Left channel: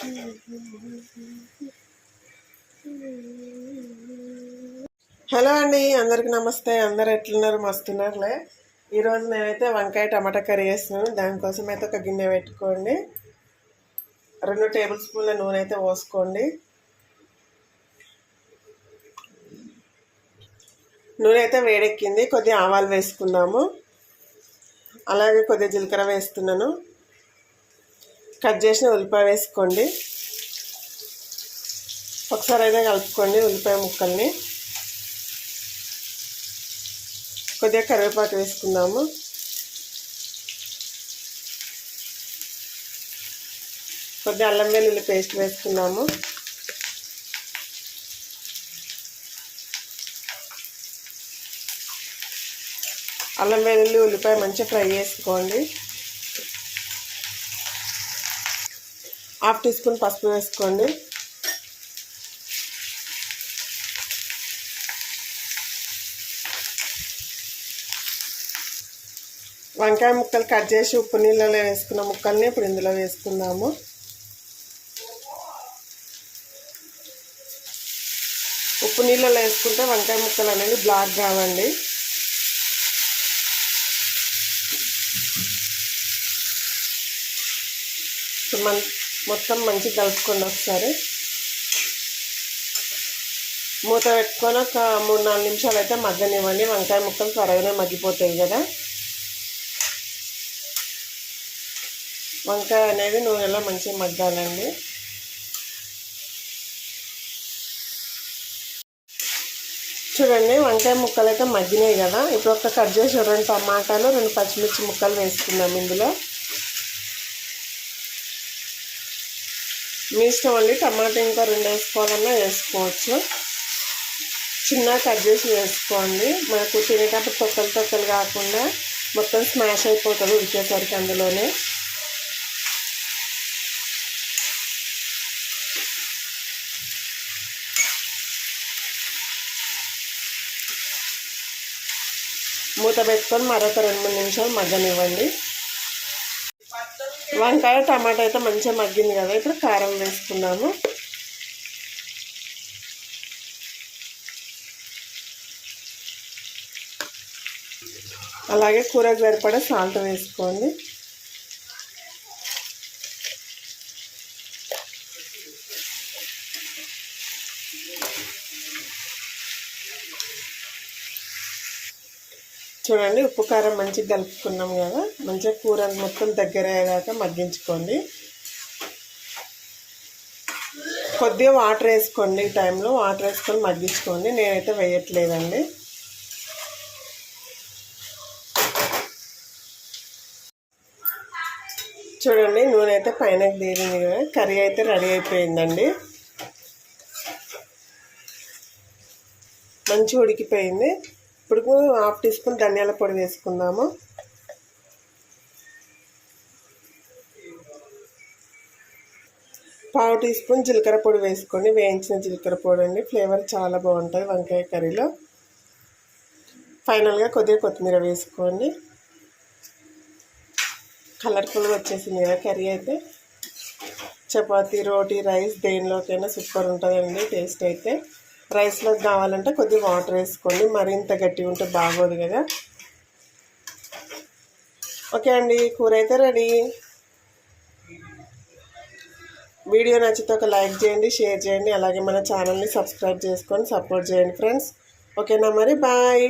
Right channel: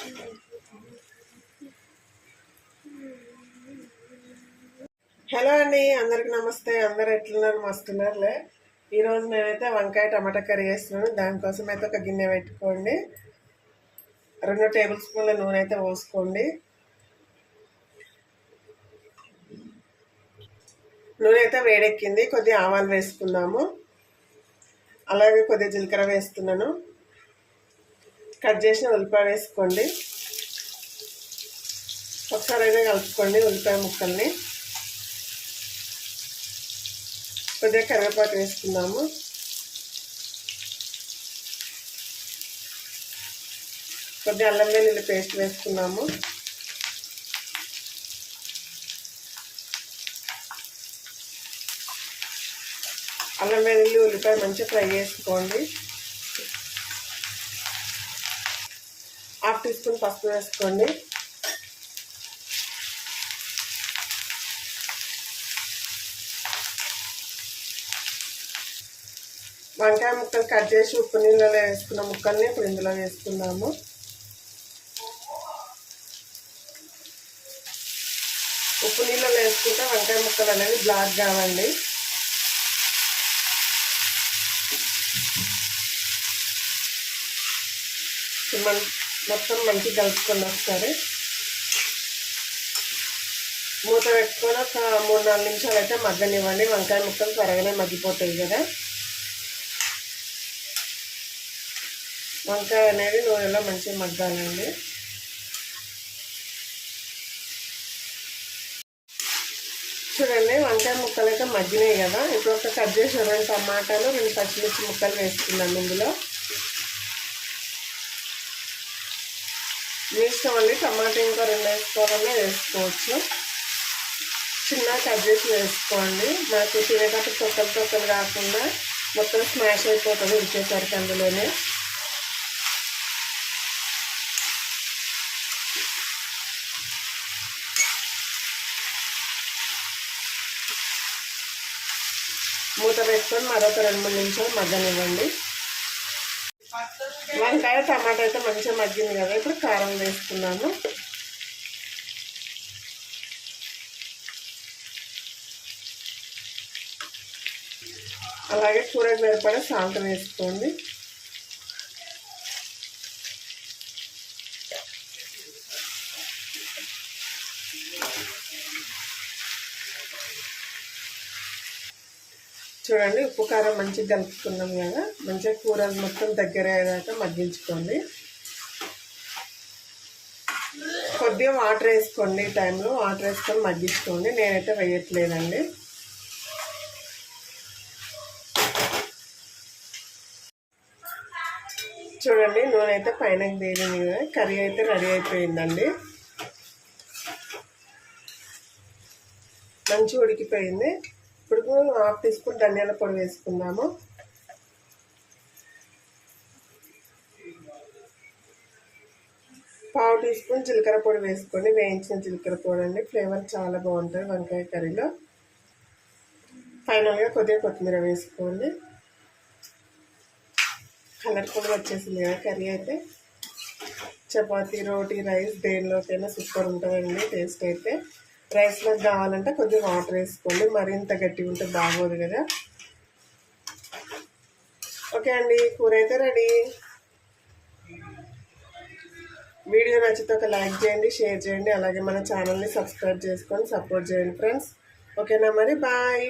Hello అండి, అందరికి నమస్తే. అందరు ఎట్లున్నారు? మస్తున్నారులే. ఈరోజు నేనైతే వంకాయ టమాటా కర్రీ చేస్తున్నాను. దానికోసం అయితే ఒక గిన్నె పెట్టుకోండి. 2 టేబుల్ స్పూన్ల నూనె అయితే పోసుకోండి. నూనె అయితే వేడెక్కింది. కొద్దిగా ఆవాలు వేసుకుందాము. అలాగే కొద్దిగా జీలకర్ర వేస్తున్నాను. కట్ చేసిన ఉల్లిపాయ వేసుకోండి. ఒకసారి అయితే కలుపుకోండి ఉల్లిపాయ ముక్కల్ని. కొద్దిగా కరివేపాకు వేసుకుందాము. కొద్దిగా అల్లం వెల్లుల్లి పేస్ట్ వేసుకున్నాము. అల్లం వెల్లుల్లి ఉల్లిపాయ మంచిగా ఫ్రై చేసుకోండి. 1/2 టీ స్పూన్ పసుపు వేసుకోండి. వంకాయ ముక్కలు కట్ చేసి ఉప్పు నీళ్ళలో వేసుకున్న ముక్కల్ని ఇప్పుడు ఇందులో వేసుకుందాము. ఉప్పు నీళ్ళలో వేసుకుంటే వంకాయ ముక్కలు అనేవి బ్లాక్ కావండి. మొత్తం మంచిగా కలుపుకోండి. ఒకసారి మూత పెట్టుకొని ఒక 3-4 నిమిషాలు అయితే మగ్గనివ్వండి. వంకాయ ముక్కలు త్వరగానే మగ్గిపోతాయి కదా. వంకాయ అనేది నూనెలో మంచిగా మగ్గాలండి. చూడండి, వంకాయ ముక్కలు అయితే మగ్గినాయి కదా. ఇప్పుడు ఒక కట్ చేసి 2 టమాటాలు 2 పచ్చిమిర్చి ముక్కలు వేసుకున్నాం ఇందులో. మీ ఇష్టం అండి, టమాటా ఇంకా 2 వేసుకోవాలన్నా వేసుకోవచ్చు. చిన్నగా కట్ చేసి వేసుకోండి. మనకు తినేటప్పుడు తొక్కలు కాకుండా మొత్తం స్మాష్ అయిపోతుంది ఉడికేసరికి అందులోనే. మూత పెట్టుకొని మరొక 2-3 నిమిషాలు మగ్గనివ్వండి. వంకాయ టమాటా అయితే మంచిగా మగ్గింది కదా. ఇప్పుడు కారం వేసుకున్నాము. అలాగే కూరకు సరిపడా సాల్ట్ వేసుకోండి. చూడండి, ఉప్పు కారం మంచిగా కలుపుకున్నాం కదా. మంచిగా కూర మొత్తం దగ్గర అయ్యేదాకా మగ్గించుకోండి. కొద్దిగా వాటర్ వేసుకోండి. ఈ టైంలో వాటర్ వేసుకొని మగ్గించుకోండి. నేనైతే వేయట్లేదండి. చూడండి, నూనె అయితే పైనకి తేలింది కదా. కర్రీ అయితే రెడీ అయిపోయిందండి. మంచిగా ఉడికిపోయింది. ఇప్పుడు 1/2 టీ స్పూన్ ధనియాల పొడి వేసుకుందాము. పావు టీ స్పూన్ జీలకర్ర పొడి వేసుకోండి. వేయించిన జీలకర్ర పొడి అండి. ఫ్లేవర్ చాలా బాగుంటుంది వంకాయ కర్రీలో. ఫైనల్గా కొద్దిగా కొత్తిమీర వేసుకోండి. కలర్ఫుల్గా వచ్చేసింది కదా కర్రీ అయితే. చపాతీ, రోటీ, రైస్ దేనిలోకైనా సూపర్ ఉంటుందండి టేస్ట్ అయితే. రైస్లోకి కావాలంటే కొద్దిగా వాటర్ వేసుకోండి. మరింత గట్టిగా ఉంటే బాగోదు కదా. ఓకే అండి, కూర అయితే రెడీ. వీడియో నచ్చితే ఒక లైక్ చేయండి, షేర్ చేయండి. అలాగే మన ఛానల్ని సబ్స్క్రైబ్ చేసుకొని సపోర్ట్ చేయండి ఫ్రెండ్స్. ఓకేనా మరి, బాయ్.